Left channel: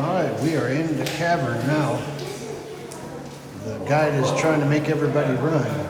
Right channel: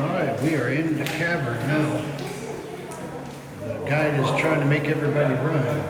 Alright, we are in the cavern now. The guide is trying to make everybody run.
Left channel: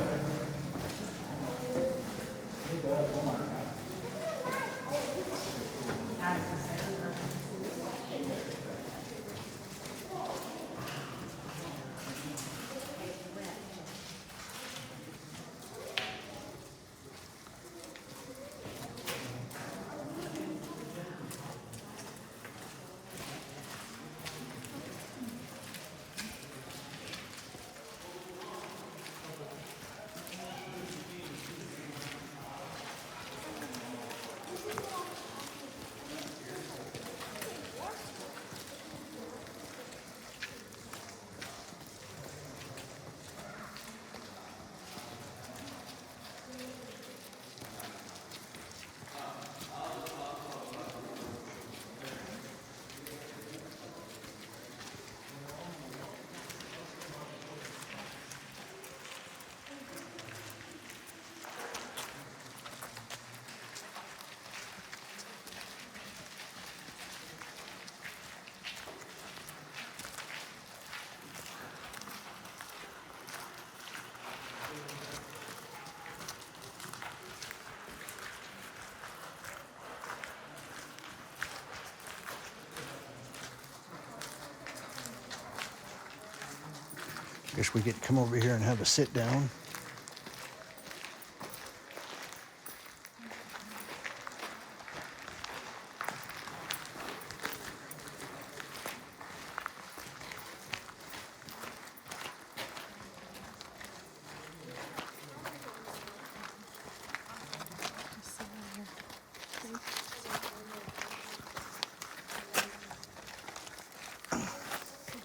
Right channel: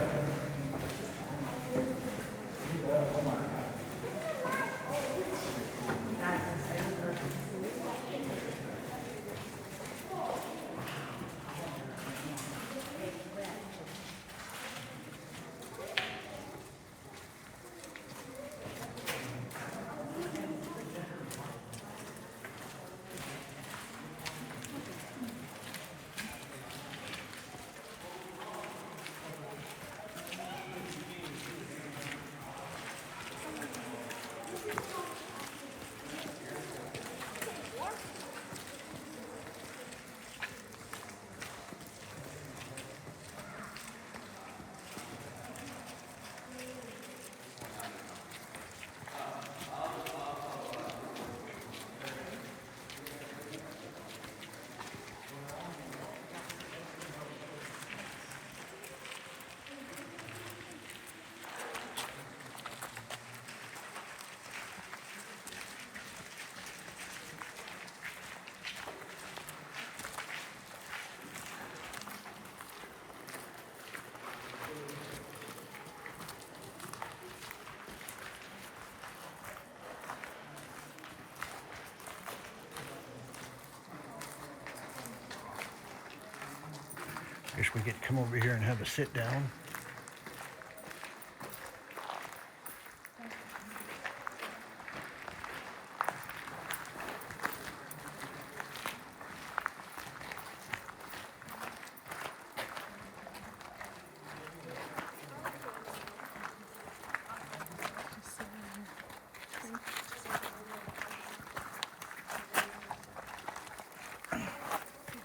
Guess we get to come over here and have a sit down.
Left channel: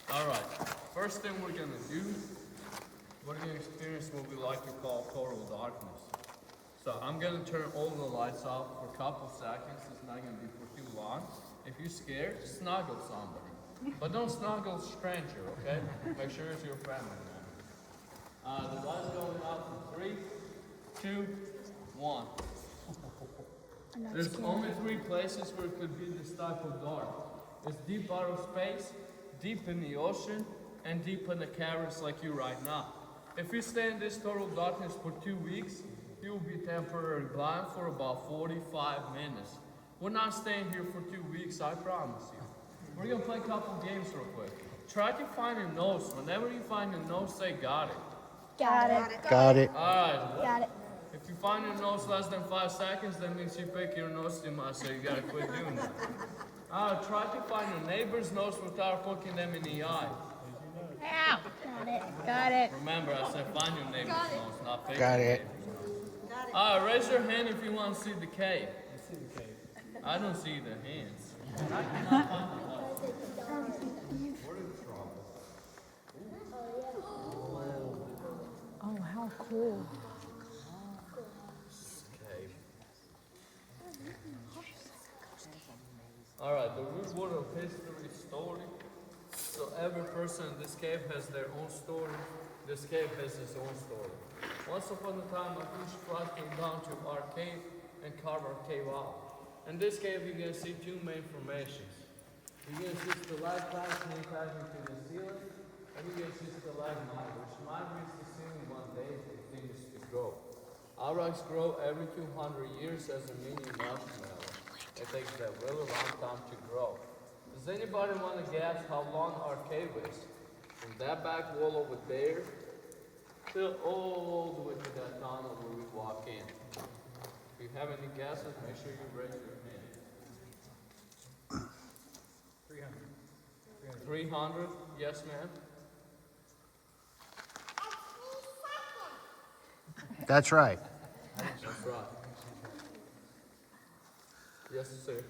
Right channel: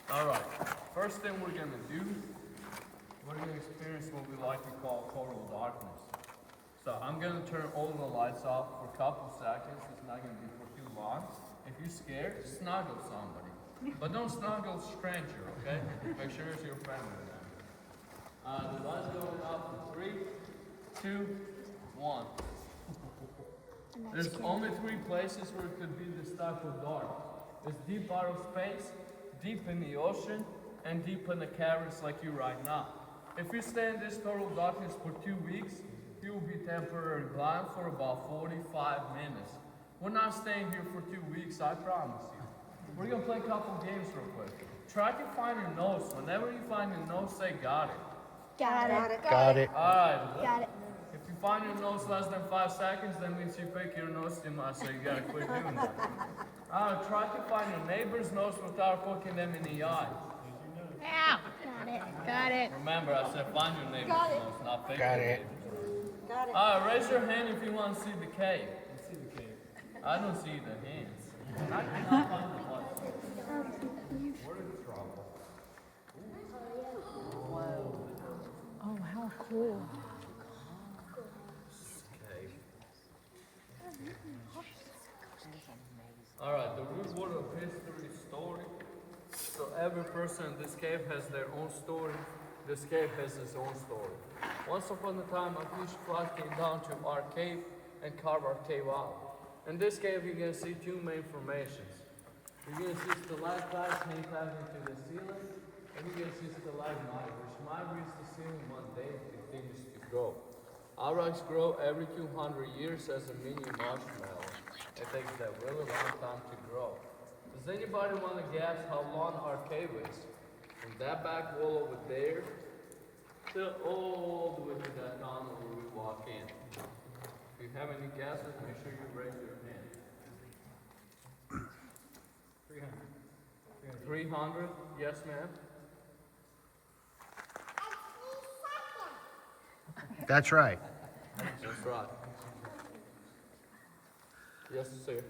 Alright, first thing we're going to do, we're going to experience what we like to call total darkness. So I'm going to turn all the lights off for a couple seconds. It's not going to be for too long. If you're scared, snuggle somebody. But don't snuggle a stranger, okay? Make sure it's your friend or not. The lights going off for 3, 2, 1. There's only 3 places where it could be this type of dark. It's deep outer space, deep in the ocean, and deep in the caverns like you right now. If you stay in this total darkness for 2 weeks, you will be temporarily blind for about 45 minutes. We're not staying here for 2 weeks, I promise you. We're gonna play a couple games real quick. Try to find your nose. Whenever you find your nose, say got it. Got it. Got it. Alright. Got it. If you find your nose less than 5 seconds, that means you pick your nose too much, so you gotta quit doing that. Try to find your neighbor's nose without poking them in the eye. Ow. Got it. Got it. Remember, I said find your neighbor's nose, not pick Got your it. neighbor's. Raise your hand if you want to see the cave. I don't see the hands. I cannot find the light. We're in trouble. Oh, how cool. Cave. Alright, the root word of history story. So every person in this cave has their own story. This cave has its own story. Once upon a time, a huge flood came down to our cave and carved our cave out. In this cave, you're going to see 2 main formations. You're going to see stalactites many times into the ceiling, and you're going to see stalagmites, which migrates the ceiling one day and continues to grow. Our rocks grow every 200 years as a mini marshmallow. It takes that really long time to grow. Does anybody want to guess how long our cave is? From that back wall over there, till all the way to that tunnel where we walk in. If you have any guesses, make sure you raise your hand. 300? Yes, ma'am? That's right. That's right. Yes, sir.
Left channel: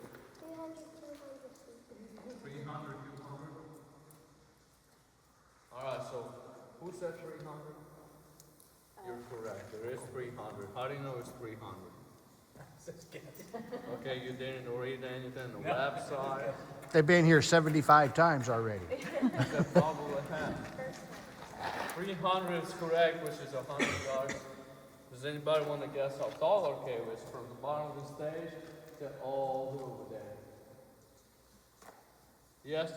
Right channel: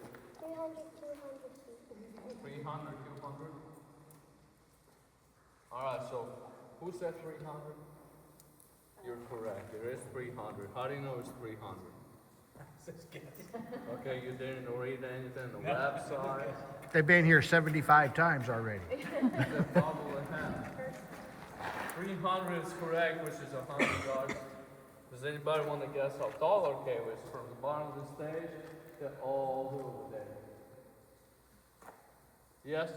300, 200? Alright, so who said 300? You're correct. There is 300. How do you know it's 300? Okay, you didn't read anything on the website? They've been here 75 times already. That's probably what happened. 300 is correct, which is 100 yards. Does anybody want to guess how tall our cave is from the bottom of the stage to all the way over there? Yes?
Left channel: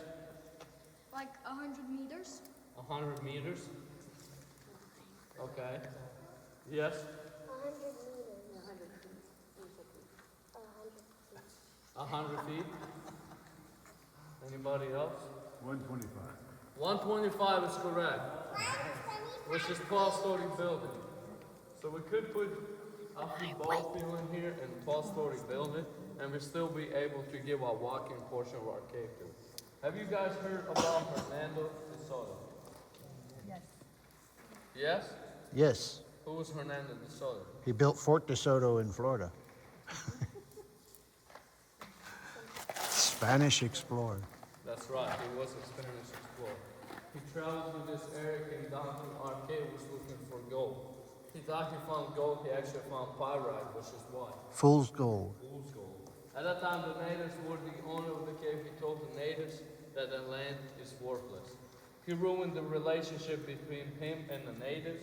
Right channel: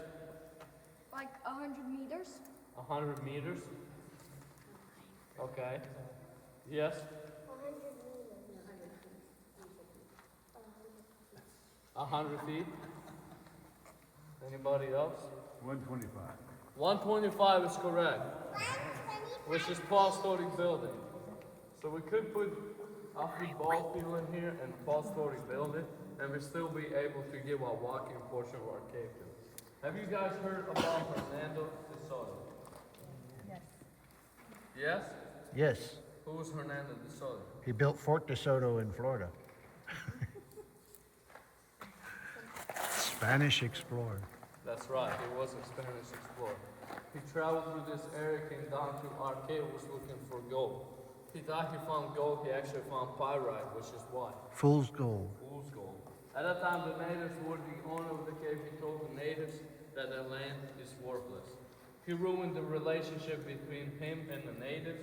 Like 100 meters. 100 meters? Okay. Yes? 100 feet. Anybody else? 125. 125 is correct, which is 12-story building. So we could put a football field in here and 12-story building, and we still be able to give a walking portion of our cave tour. Have you guys heard about Hernando de Soto? Yes. Yes? Yes, Who was Hernando de Soto? he built Fort DeSoto in Florida. Spanish explorer. That's right, he was a Spanish explorer. He traveled through this area, came down to our cave, was looking for gold. He thought he found gold, he actually found pyrite, which is what? Fool's gold. Fool's gold. At that time, the natives were the owner of the cave. He told the natives that the land is worthless. He ruined the relationship between him and the natives,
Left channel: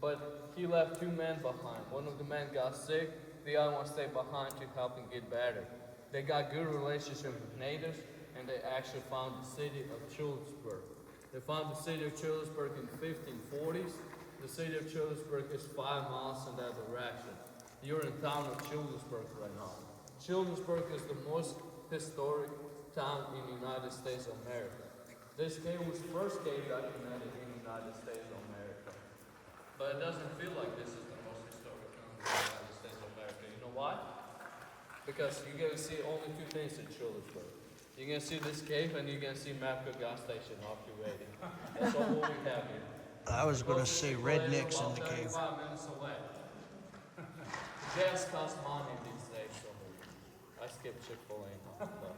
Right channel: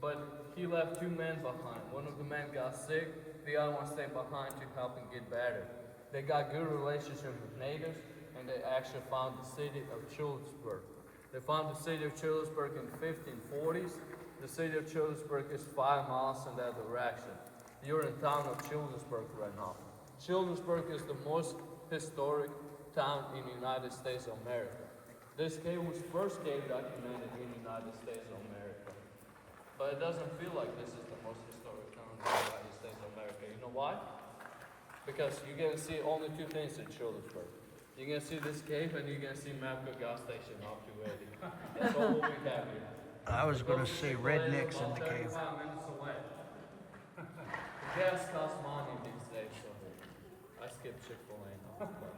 but he left two men behind. One of the men got sick, the other one stayed behind to help him get better. They got good relationship with natives, and they actually found the city of Childersburg. They found the city of Childersburg in 1540s. The city of Childersburg is 5 miles in that direction. You're in town of Childersburg right now. Childersburg is the most historic town in the United States of America. This cave was first cave documented in the United States of America. But it doesn't feel like this is the most historic town in the United States of America. You know why? Because you're gonna see only two things in Childersburg. You're gonna see this cave and you're gonna see Mapco gas station off your way. That's all we have here. I was going to say rednecks in the cave. 35 minutes away. The gas costs money these days, so I skip Chick-fil-A now. But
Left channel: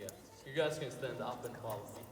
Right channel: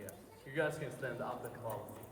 yeah, you guys can stand up and follow me.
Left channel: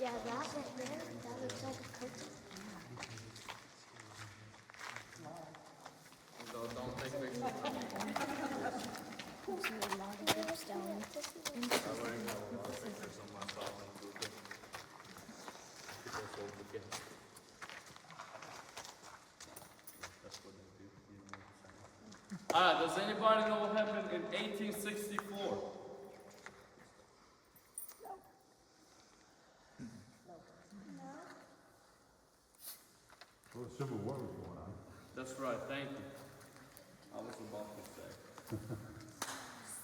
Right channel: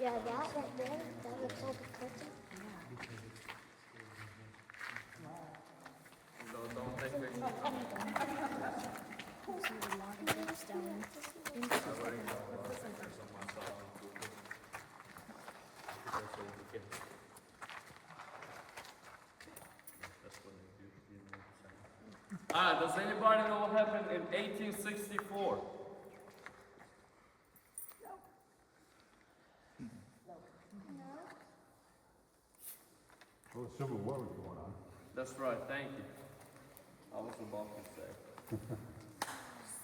Yeah, that right there, that looks like a curtain. Don't take pictures. See a lot of groups down I already know a lot of pictures on myself on Google. Because they'll forget. That's what I do. Does anybody know what happened in 1864? Well, the Civil War was going on. That's right, thank you. I was about to say.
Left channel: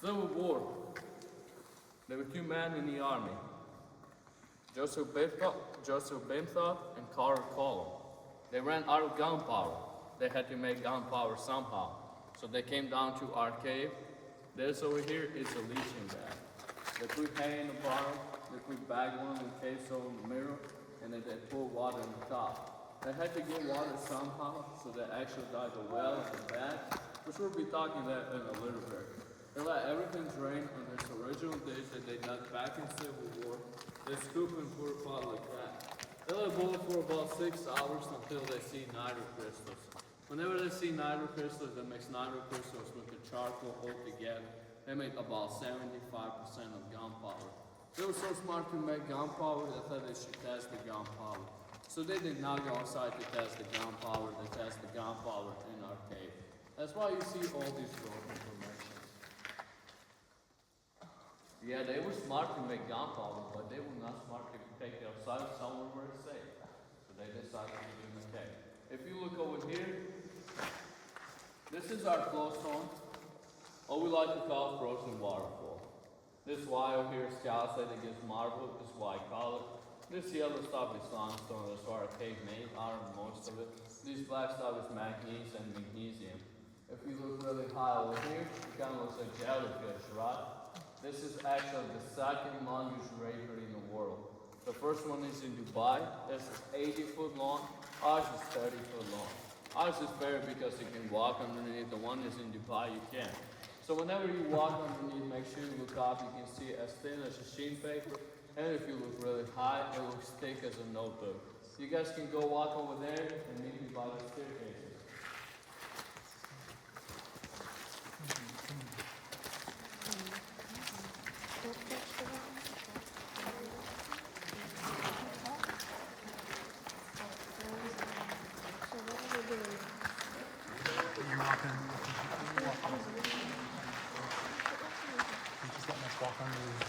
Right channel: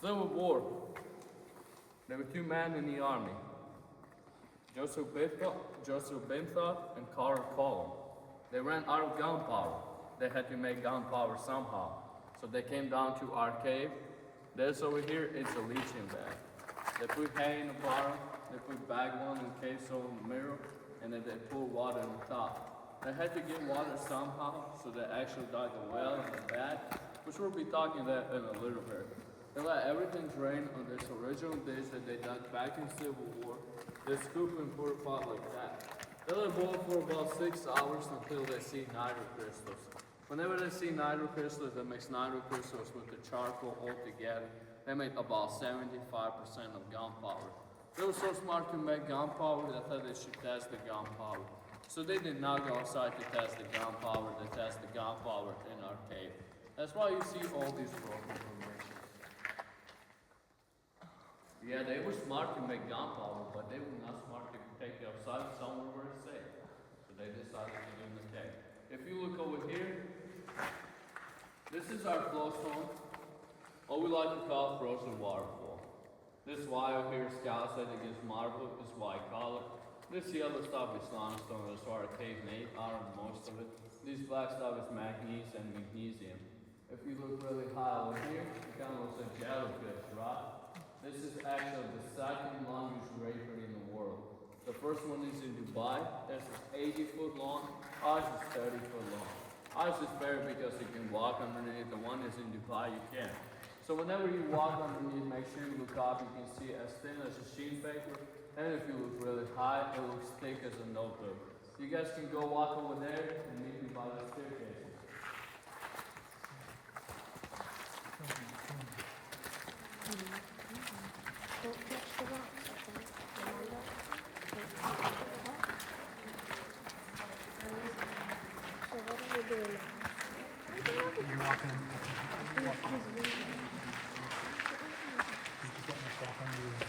Civil War. There were two men in the army. Joseph Bimthot and Carter Column. They ran out of gunpowder. They had to make gunpowder somehow. So they came down to our cave. This over here is a leaching bag. They put hay in the bottom, they put backbone and queso in the middle, and then they pour water on the top. They had to get water somehow, so they actually dug a well and that, which we'll be talking about in a little bit. They let everything drain on this original dish that they dug back in Civil War. They scoop and pour a pot like that. They let it boil for about 6 hours until they see nitro crystals. Whenever they see nitro crystals, that makes nitro crystals with the charcoal all together. They make about 75% of gunpowder. They were so smart to make gunpowder, they thought they should test the gunpowder. So they did not go outside to test the gunpowder, they test the gunpowder in our cave. That's why you see all these broken formations. Yeah, they were smart to make gunpowder, but they were not smart to take it outside somewhere where it's safe. So they decided to do the cave. If you look over here, this is our flowstone, what we like to call frozen waterfall. This wire here is calcite, it gives marble, this white color. This yellow stuff is limestone, that's why our cave made out of most of it. These black next up is manganese and magnesium. If you look really high over here, it kind of looks like jellyfish, right? This is actually the second longest river in the world. The first one is in Dubai. This is 80 foot long. Ours is 30 foot long. Ours is better because you can walk underneath. The one is in Dubai, you can't. So whenever you walk underneath, make sure you look up. You can see as thin as a sheet paper. And if you look really high, it looks thick as a notebook. You guys can go walk over there and meet me by the staircases. You're walking. Just letting us walk on these.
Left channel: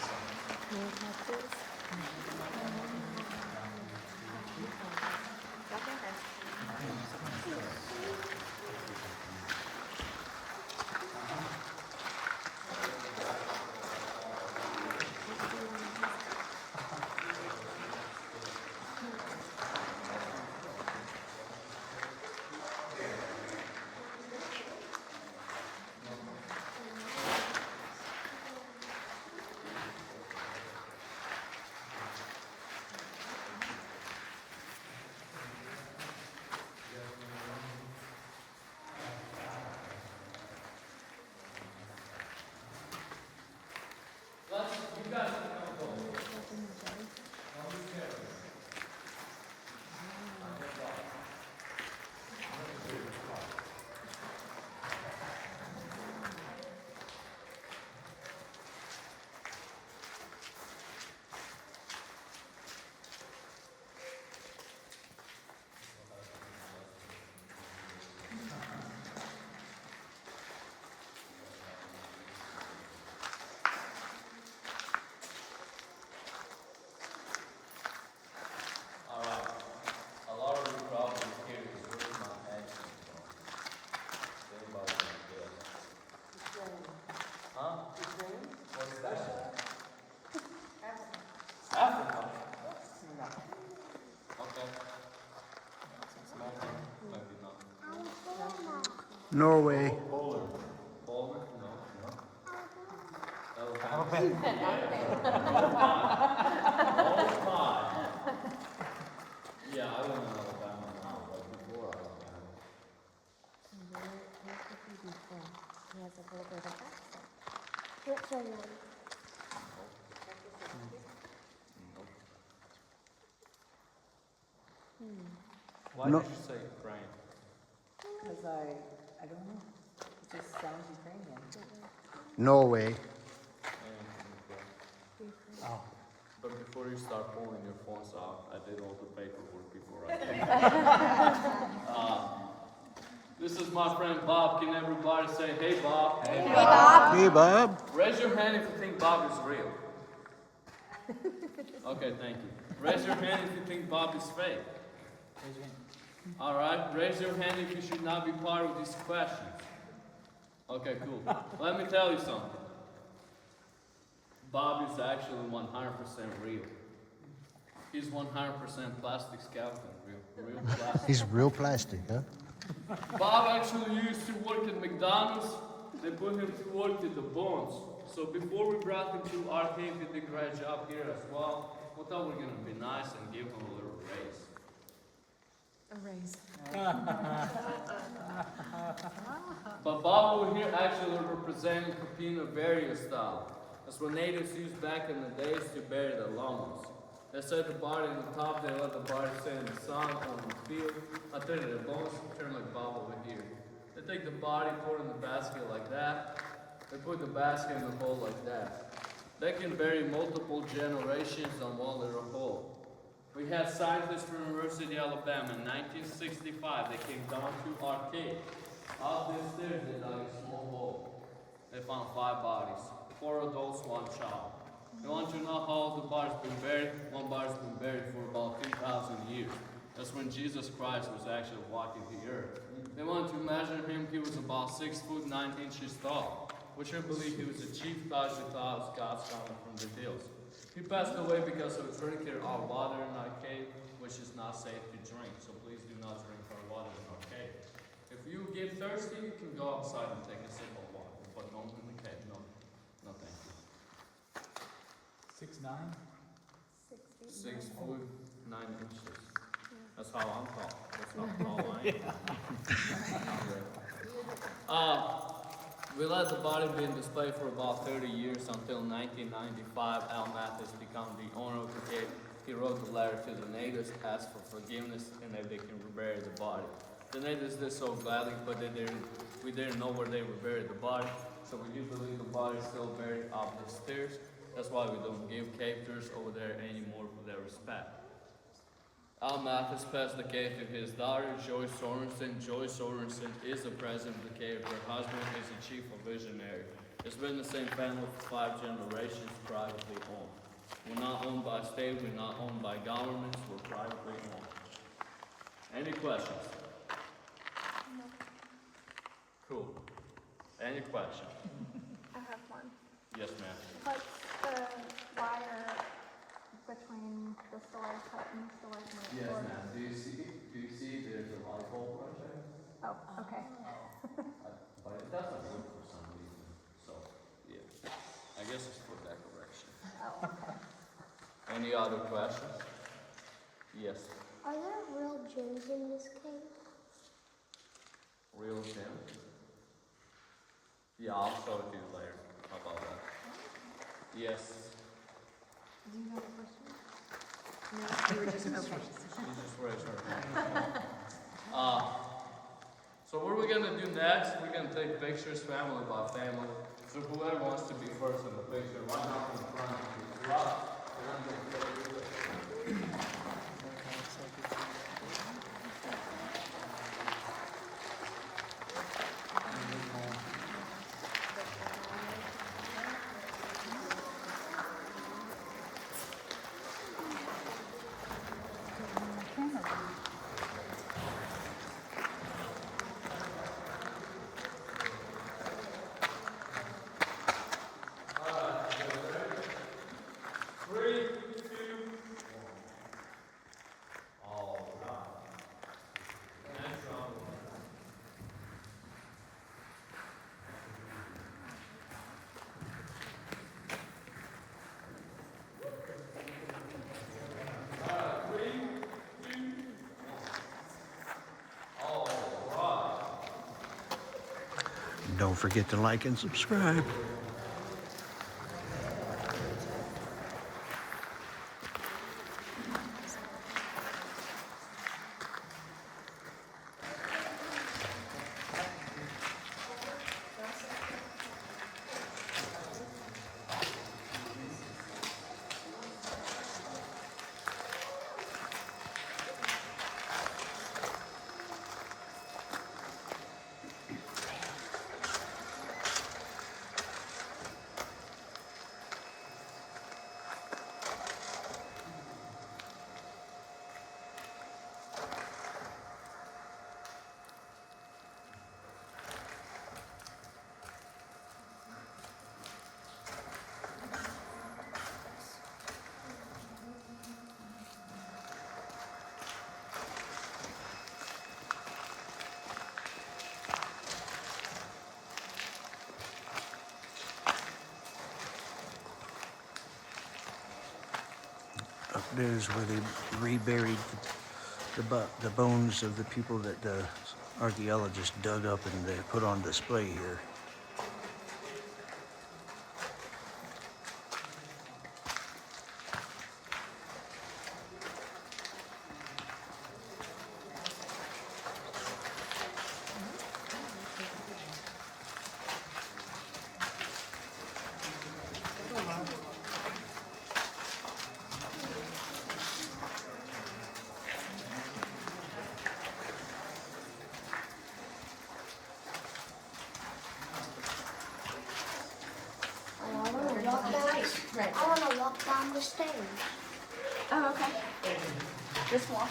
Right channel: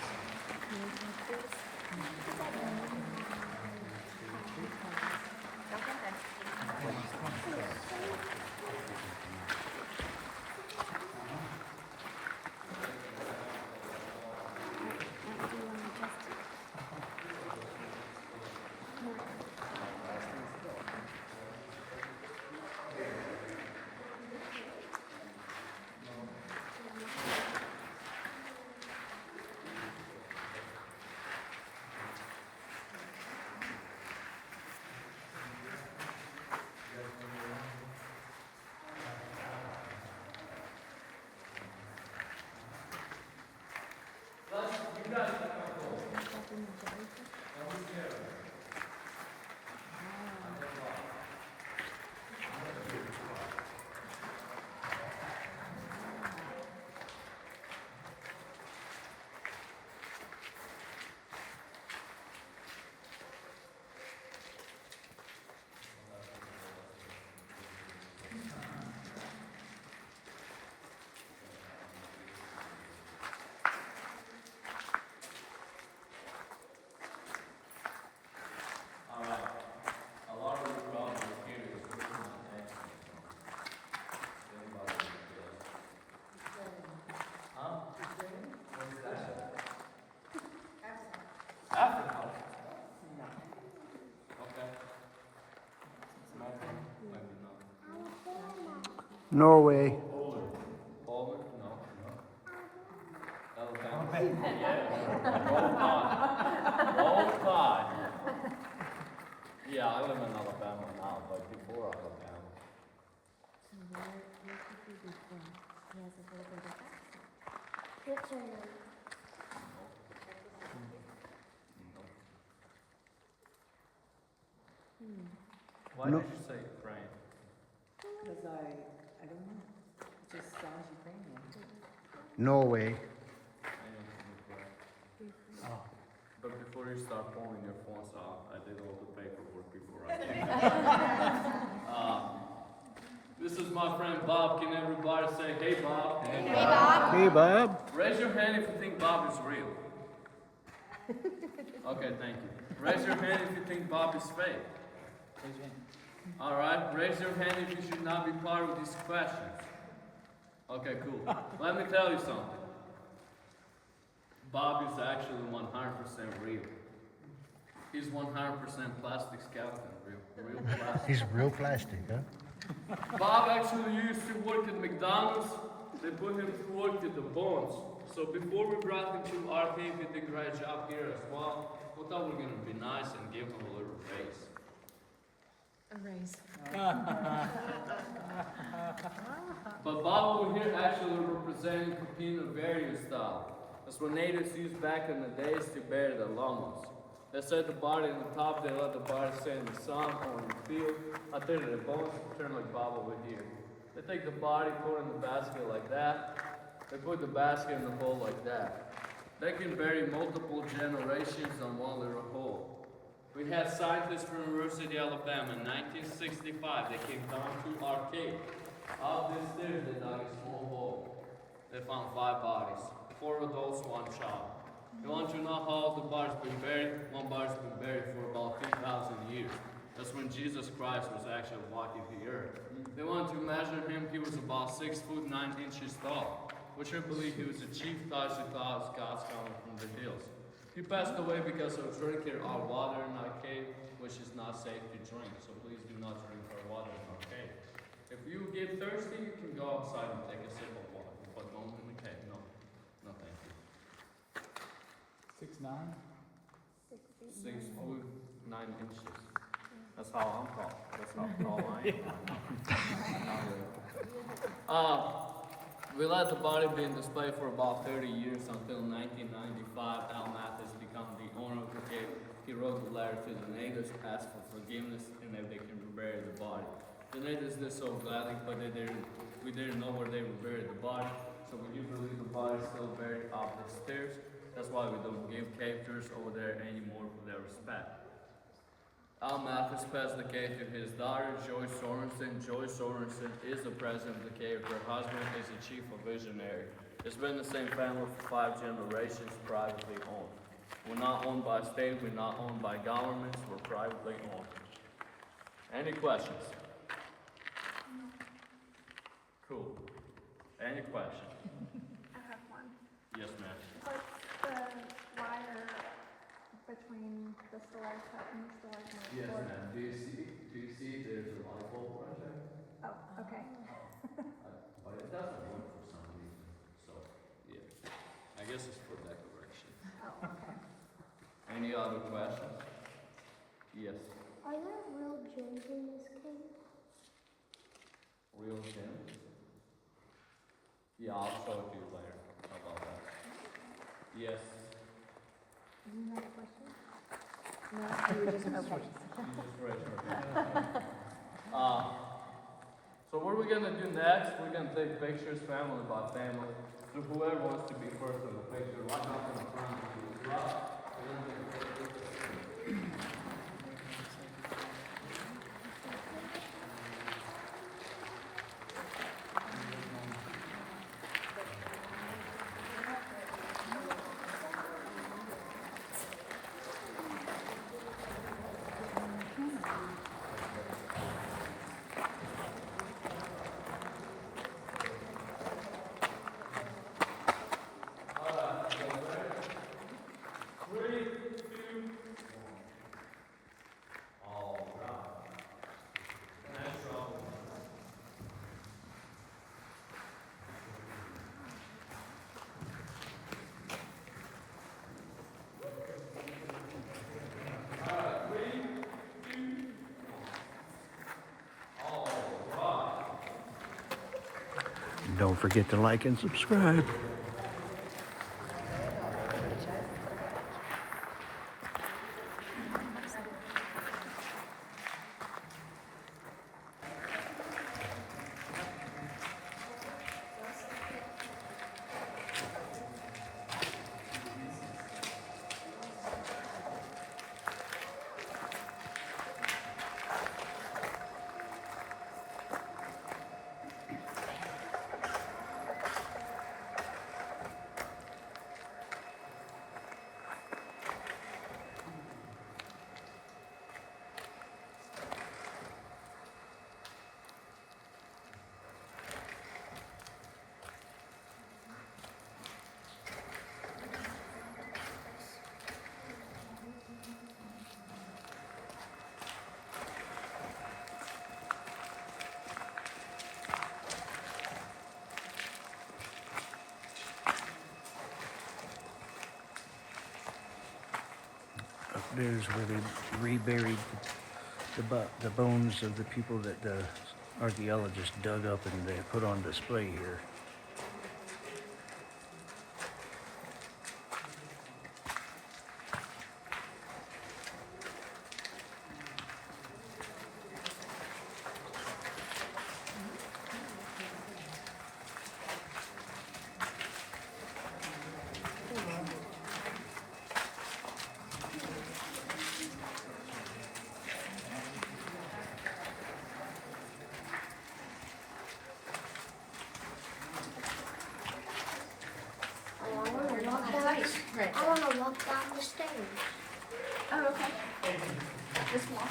No way. Poland. Poland? No, no. Alabama. Yeah, I live in Alabama now, but before Alabama. Where could he be from? He has a little bit of accent. What say you? Why No. did you say Ukraine? Because I don't know. It just sounds Ukrainian. No way. I am from Ukraine. Oh. But before you start pulling your phones out, I did all the paperwork before I came. This is my friend Bob. Can everybody say, hey Bob? Hey Bob. Hey, Bob. Raise your hand if you think Bob is real. Okay, thank you. Raise your hand if you think Bob is fake. All right, raise your hand if you should not be part of these questions. Okay, cool. Let me tell you something. Bob is actually 100% real. He's 100% plastic skeleton, real plastic. He's real plastic, huh? Bob actually used to work at McDonald's. They put him to work at the bones. So before we brought him to our team, he did a great job here as well. We thought we were going to be nice and give him a little raise. A raise. But Bob over here actually representing Pepino Vario style. That's what natives used back in the days to bury their loved ones. They set the body on the top, they let the body stay in the sun or in the field. I tell you, their bones turn like Bob over here. They take the body, put it in the basket like that. They put the basket in the hole like that. They can bury multiple generations on one little hole. We had scientists from the University of Alabama in 1965. They came down to our cave. Out these stairs, they dug a small hole. They found 5 bodies, 4 adults, 1 child. You want to know how the body's been buried? One body's been buried for about 2,000 years. That's when Jesus Christ was actually walking the earth. They wanted to measure him. He was about 6 foot 9 inches tall, which I believe he was the chief God's coming from the hills. He passed away because of drinking our water in our cave, which is not safe to drink. So please do not drink our water in our cave. inches. That's how I'm tall. That's how tall I am. We let the body be in display for about 30 years until 1995. Al Mathis became the owner of the cave. He wrote a letter to the natives, asked for forgiveness, and if they can rebury the body. The natives did so gladly, but we didn't know where they reburied the body, so we do believe the body is still buried up the stairs. That's why we don't give cave tours over there anymore for their respect. Al Mathis passed the cave to his daughter, Joy Sorensen. Joy Sorensen is the president of the cave. Her husband is the chief of visionary. It's been the same family for 5 generations, privately owned. We're not owned by state, we're not owned by governments, we're privately owned. Any questions? Cool. Any questions? I have one. Yes, ma'am. What's the wire between the stalactite and the stalagmite? Yes, ma'am. Do you see there's a light bulb right there? Oh, okay. But it doesn't work for some reason. So, yeah. I guess it's for decoration. Oh, okay. Any other questions? Yes. Are there real gems in this cave? Real gem? Yeah, I'll show it to you later. How about that? Yes. Do you have a question? No, you were just open. She just raised her hand. So what we're gonna do next, we're gonna take pictures family by family. So whoever wants to be first in the picture, line up in the front. We're gonna take pictures. Don't forget to like and subscribe. Up there's where they reburied the bones of the people that the archaeologists dug up and they put on display here. I want to walk down the stairs. Oh, okay. Just walk.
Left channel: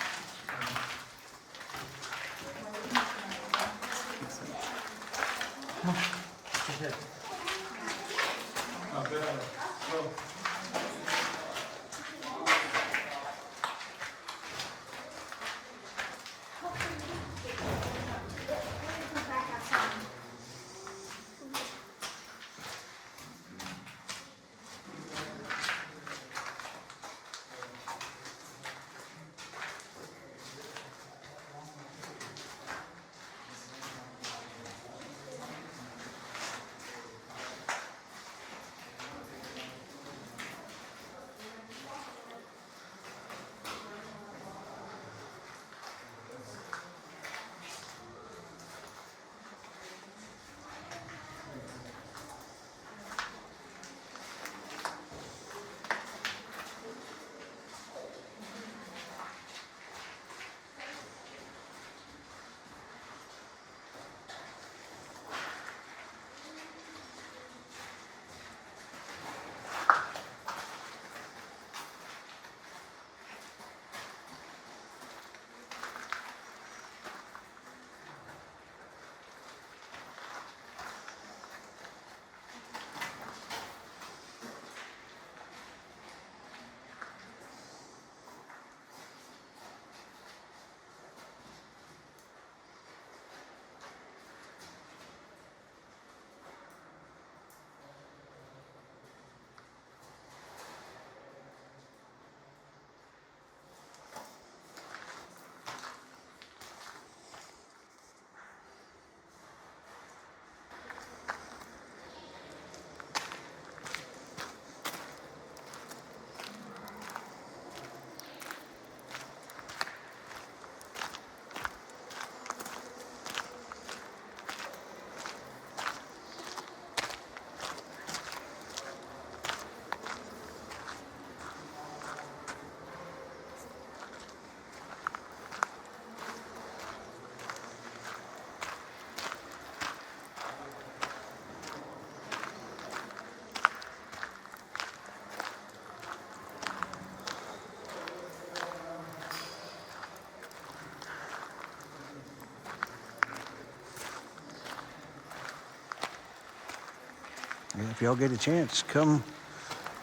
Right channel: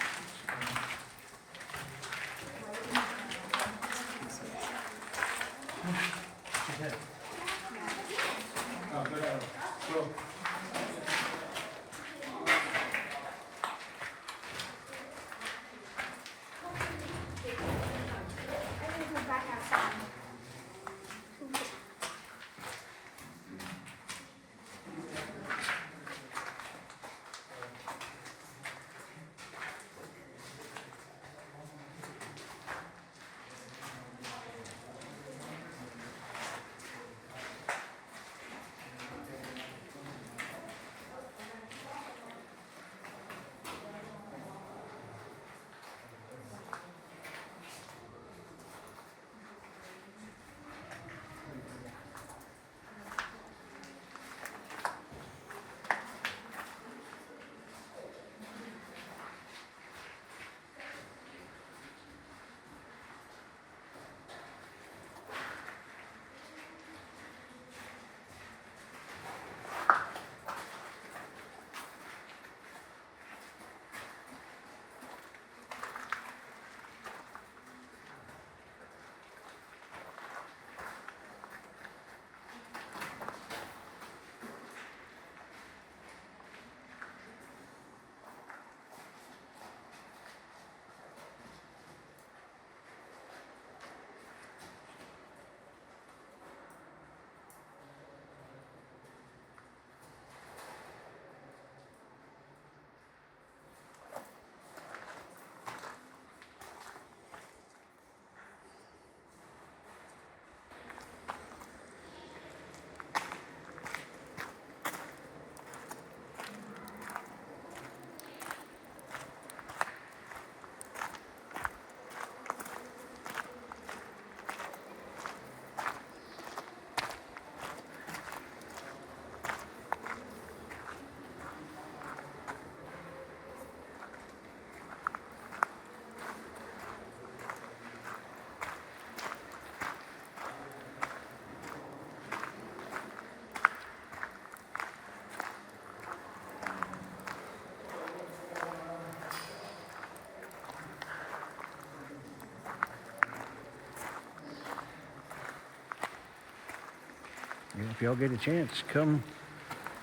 Yeah, if y'all get a chance, come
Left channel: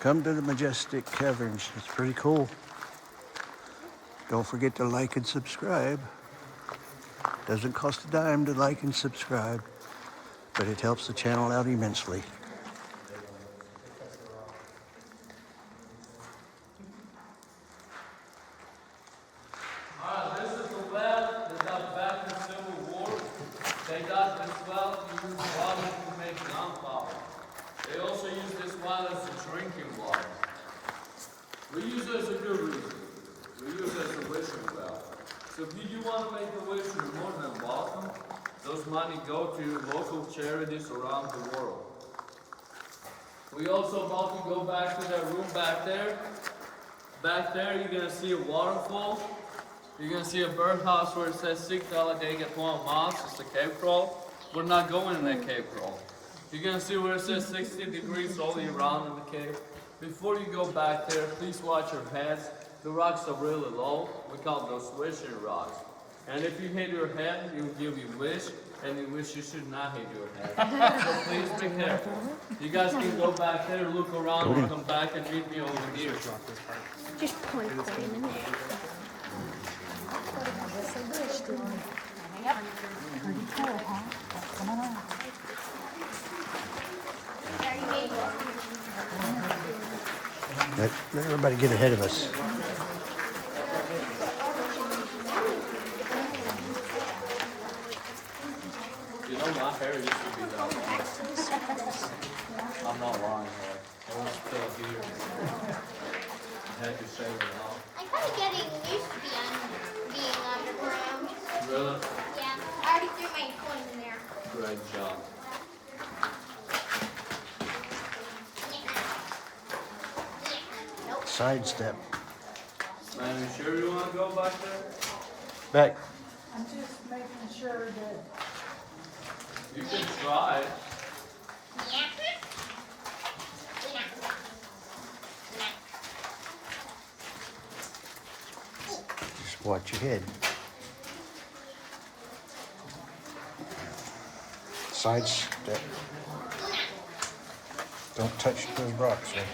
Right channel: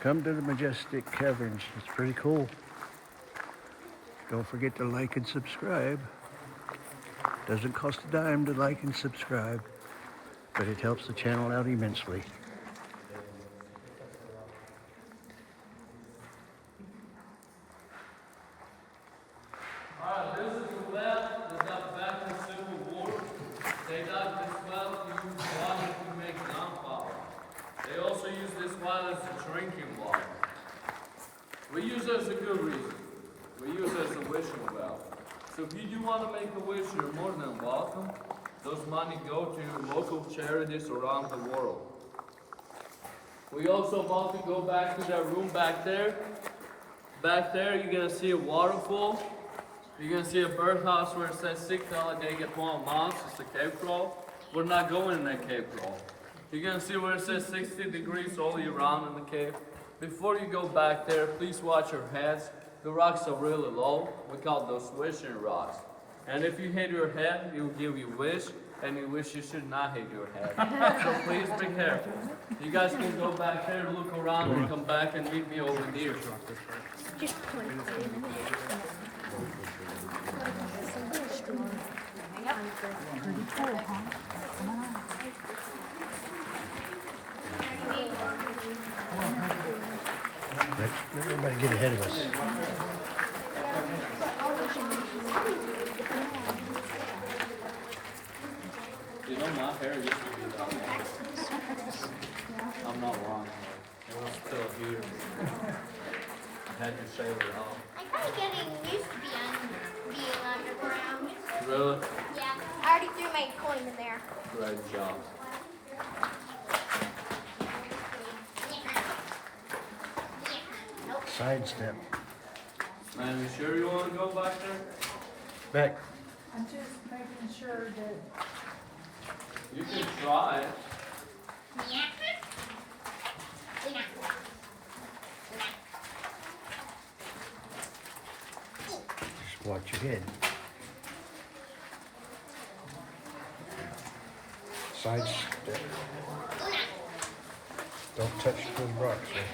to the majestic caverns. It's pretty cool. Don't forget to like and subscribe. Doesn't cost a dime to like and subscribe, but it helps the channel out immensely. Alright, this is the well. They got back in Civil War. They got this well to use water to make gunpowder. They also use this well as a drinking water. We use it as a good reason. We use it as a wishing well. So if you do want to make a wish, you're more than welcome. Those money go to local charities around the world. We also about to go back to that room back there. Back there, you're gonna see a waterfall. You're gonna see a birdhouse where it says $6 months. It's a cave crawl. We're not going in that cave crawl. You're gonna see where it says 60 degrees all year round in the cave. Before you go back there, please watch your heads. The rocks are really low. We call those wishing rocks. And if you hit your head, you give you wish, and you wish you should not hit your head. So please be careful. You guys can go back there, look around, and come back and meet me over here. Just point them. Let everybody get ahead of us. You know, my hair used to be that long. I'm not long hair. I was still here. I had to shave it off. I'm kind of getting used to being on the ground. Really? Yeah, I already threw my coin in there. Great job. Sidestep. Man, you sure you want to go back there? Back. I'm just making sure that You can try it. Just watch your head. Sidestep. Don't touch those rocks, right?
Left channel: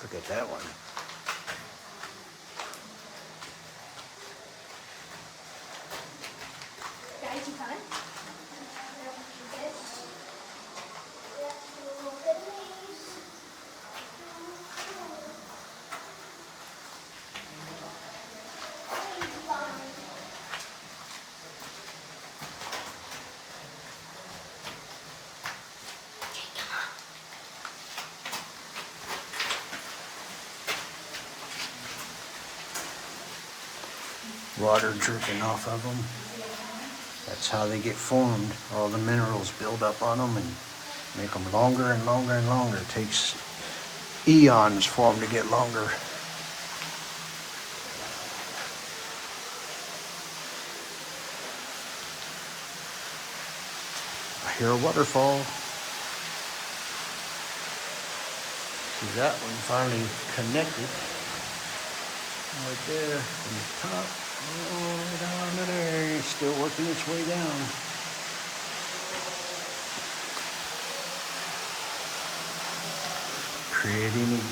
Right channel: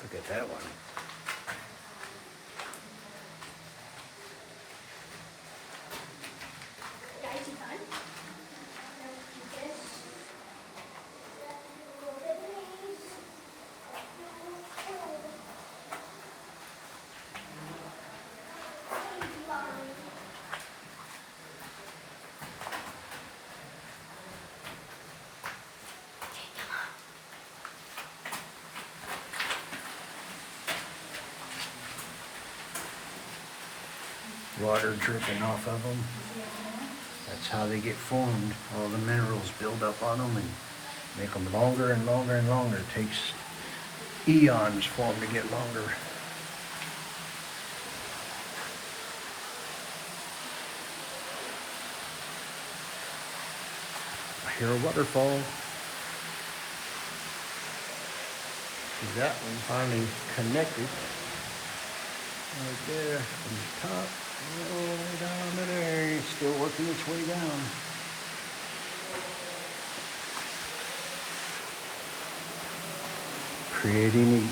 Look at that one. Guys, you done? Water dripping off of them. That's how they get formed. All the minerals build up on them and make them longer and longer and longer. It takes eons for them to get longer. I hear a waterfall. See that one finally connected. Right there from the top all the way down to there. It's still working its way down. Pretty neat.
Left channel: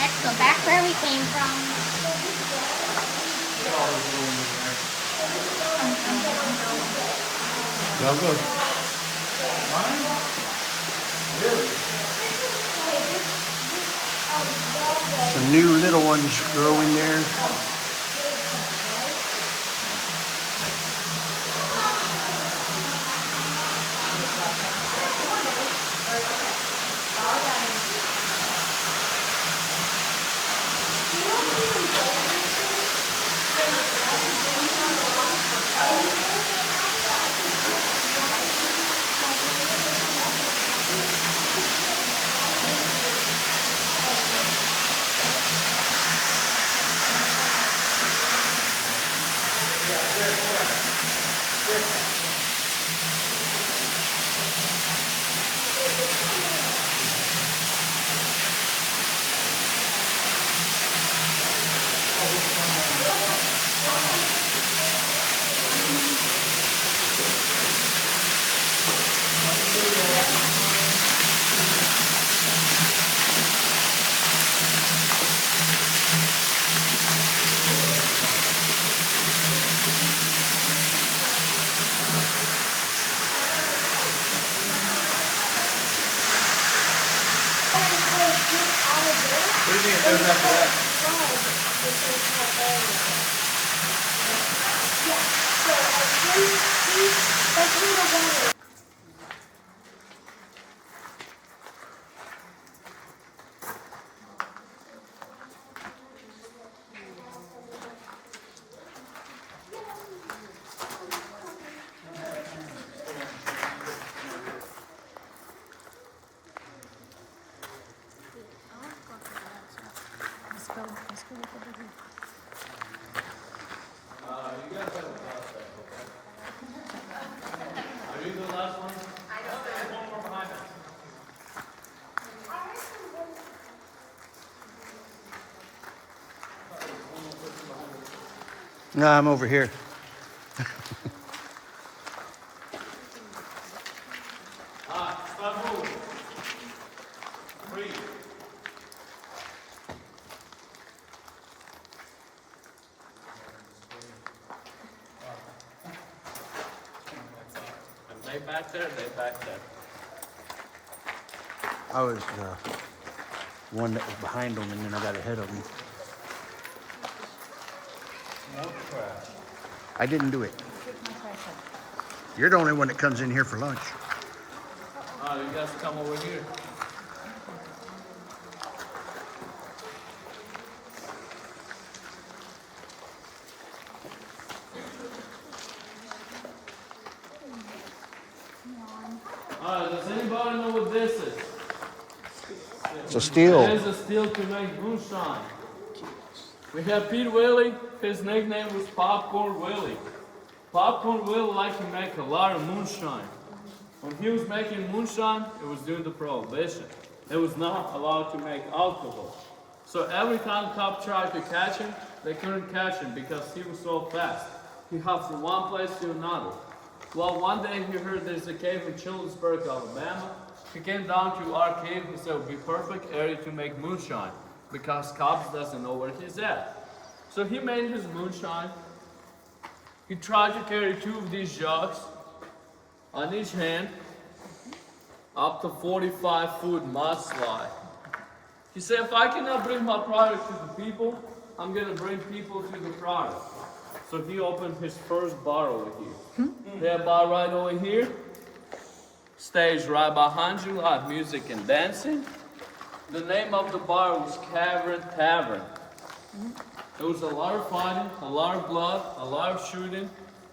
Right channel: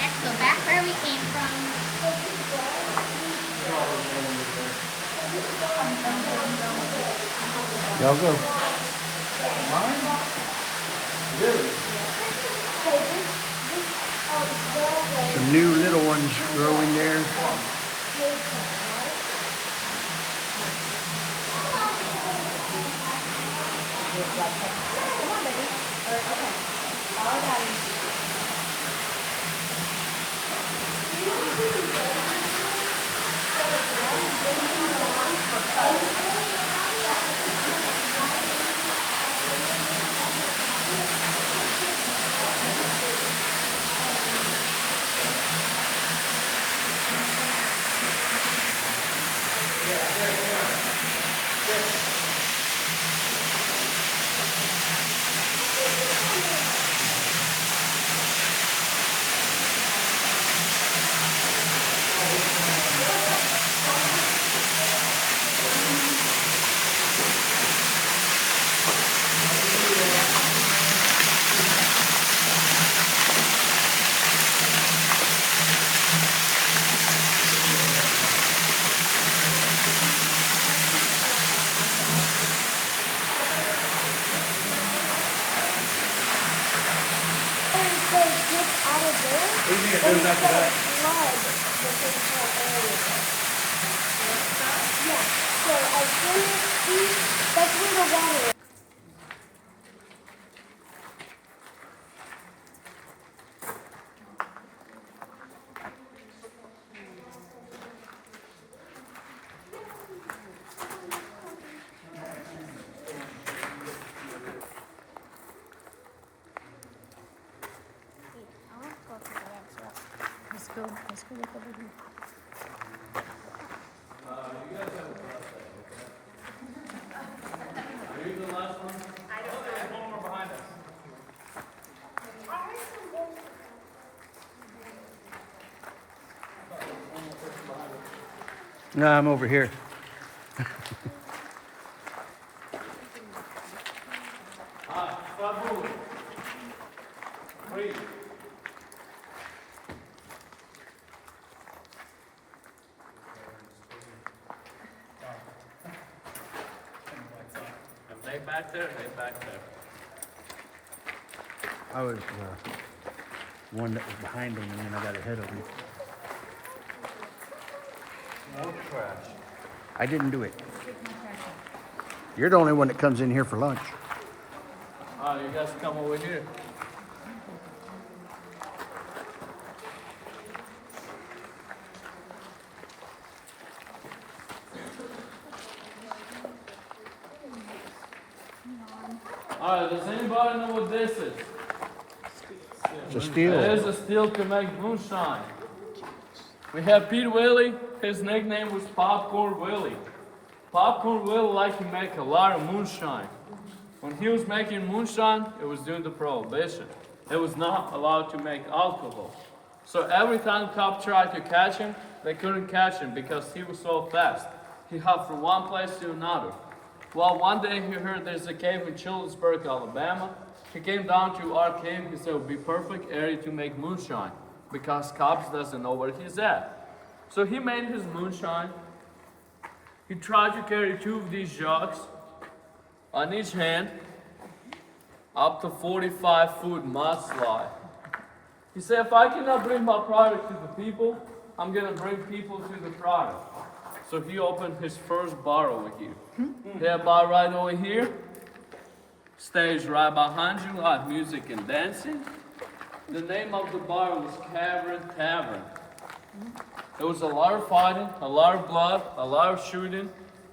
Let's go back where we came from. Y'all go. Some new little ones growing there. No, I'm over here. Start moving. Breathe. Lay back there, lay back there. I was one that was behind them, and then I got ahead of them. More trash. I didn't do it. You're the only one that comes in here for lunch. Oh, you guys come over here. Alright, does anybody know what this is? So still, It is a still to make moonshine. We have Pete Willie. His nickname was Popcorn Willie. Popcorn Willie liked to make a lot of moonshine. When he was making moonshine, it was during the prohibition. It was not allowed to make alcohol. So every time cops tried to catch him, they couldn't catch him because he was so fast. He hopped from one place to another. Well, one day he heard there's a cave in Childersburg, Alabama. He came down to our cave. He said it would be perfect area to make moonshine because cops doesn't know where he's at. So he made his moonshine. He tried to carry 2 of these jugs on each hand up to 45-foot mudslide. He said, if I cannot bring my product to the people, I'm gonna bring people to the product. So he opened his first bar over here. That bar right over here, stage right behind you, like music and dancing. The name of the bar was Cavern Tavern. There was a lot of fighting, a lot of blood, a lot of shooting.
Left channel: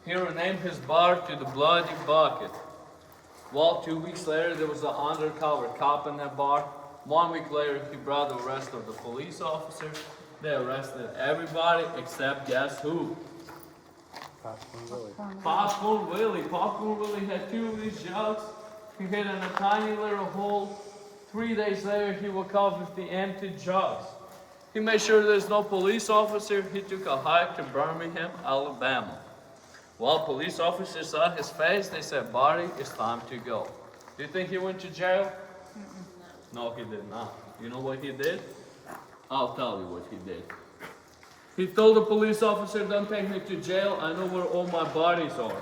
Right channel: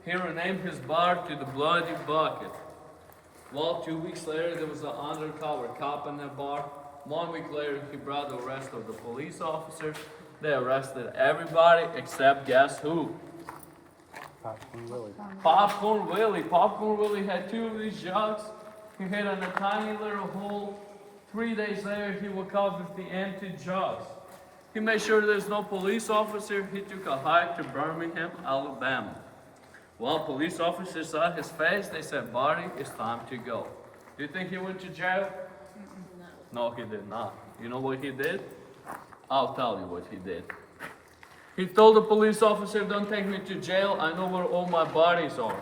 He renamed his bar to the Bloody Bucket. Well, 2 weeks later, there was an undercover cop in that bar. 1 week later, he brought the rest of the police officers. They arrested everybody except guess who? Popcorn Willie. Popcorn Willie had 2 of these jugs. He hid in a tiny little hole. 3 days later, he woke up with the empty jugs. He made sure there's no police officer. He took a hike to Birmingham, Alabama. While police officers saw his face, they said, "Buddy, it's time to go." Do you think he went to jail? No, he did not. You know what he did? I'll tell you what he did. He told the police officer, "Don't take me to jail. I know where all my bodies are."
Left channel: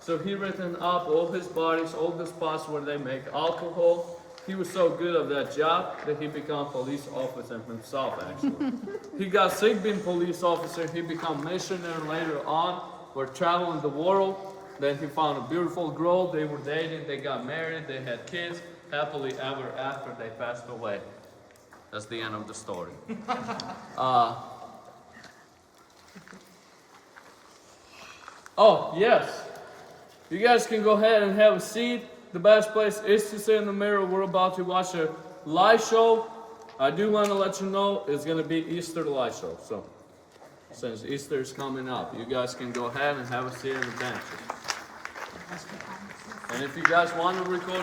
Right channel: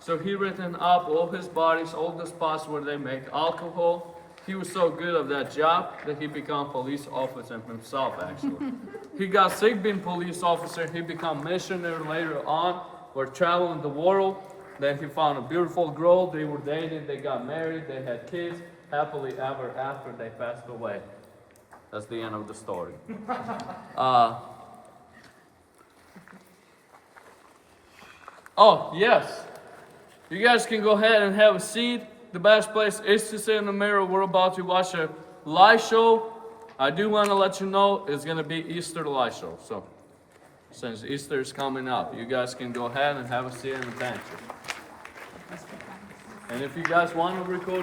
So he written up all his bodies, all the spots where they make alcohol. He was so good at that job that he became police officer himself, actually. He got sick being police officer. He became missionary later on. We're traveling the world. Then he found a beautiful girl. They were dating. They got married. They had kids. Happily ever after, they passed away. That's the end of the story. Oh, yes. You guys can go ahead and have a seat. The best place is to sit in the mirror. We're about to watch a light show. I do want to let you know it's going to be Easter light show. So, since Easter is coming up, you guys can go ahead and have a seat in the pantry. And if you guys want to record